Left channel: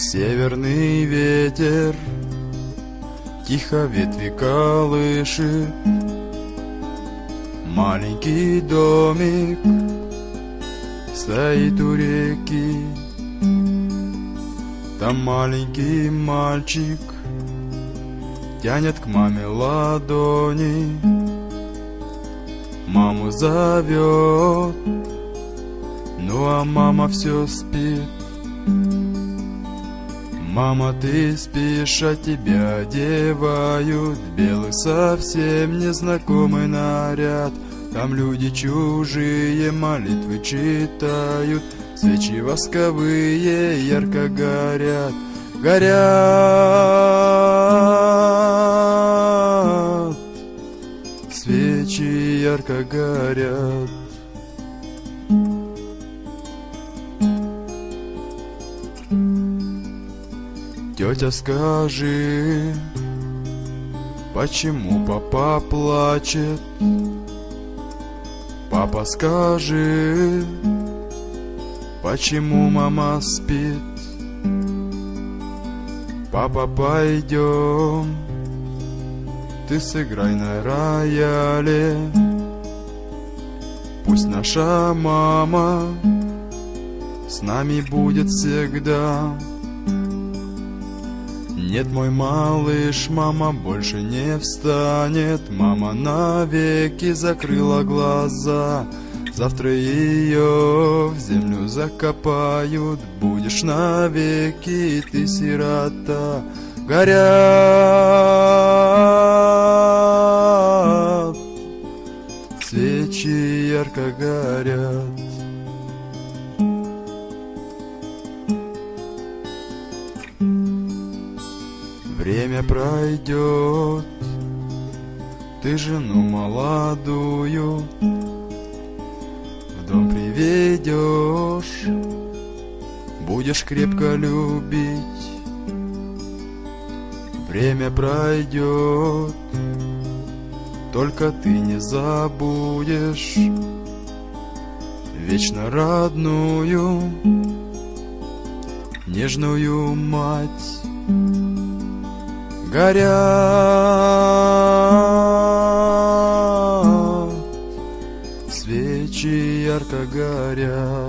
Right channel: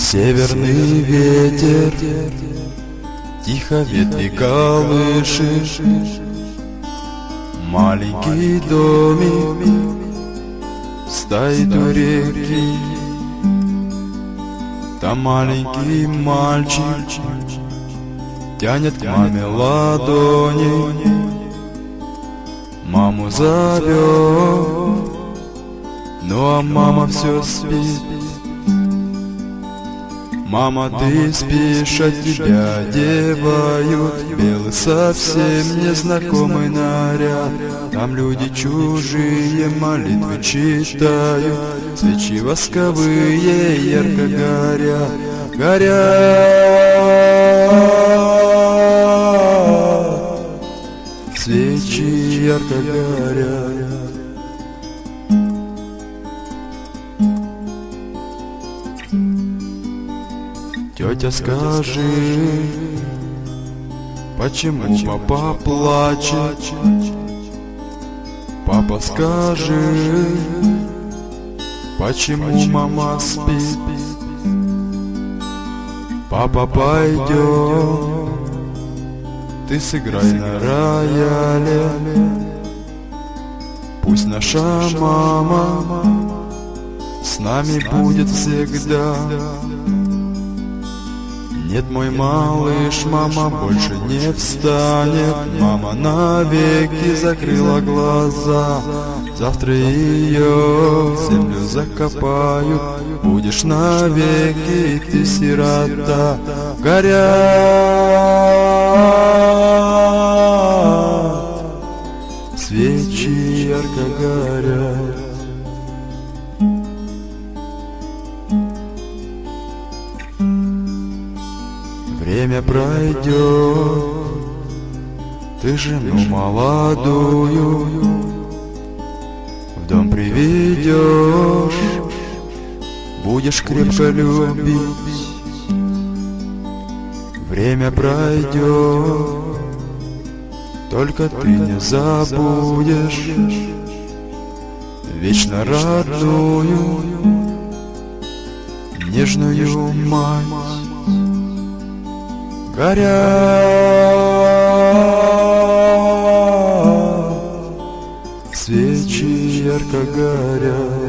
Северный ветер тихо ветви колышет, маленький домик стоит у реки. Там маленький мальчик тянет к маме ладони, маму зовет, ну а мама все спит. Мама, ты спишь, а тебя одевают белый совсем незнакомый наряд. Там люди чужие молитвы читают, свечи восковые ярко горят, горят. Свечи ярко горят. Тетя, скажи, почему папа плачет? Папа, скажи, почему мама спит? Папа, пойдем, ты сыграй на рояле. Пусть наша мама с нами будет всегда. Нет, мой малыш, мама больше не встанет. Мама навеки закрыла глаза. Завтра ее в землю закопаю. Будешь навеки ты сирота. Горят свечи, ярко горят. Время пройдет, ты жену молодую в дом приведешь, будешь крепко любить. Время пройдет, только ты не забудешь вечно родную, нежную мать. Горят свечи, ярко горят.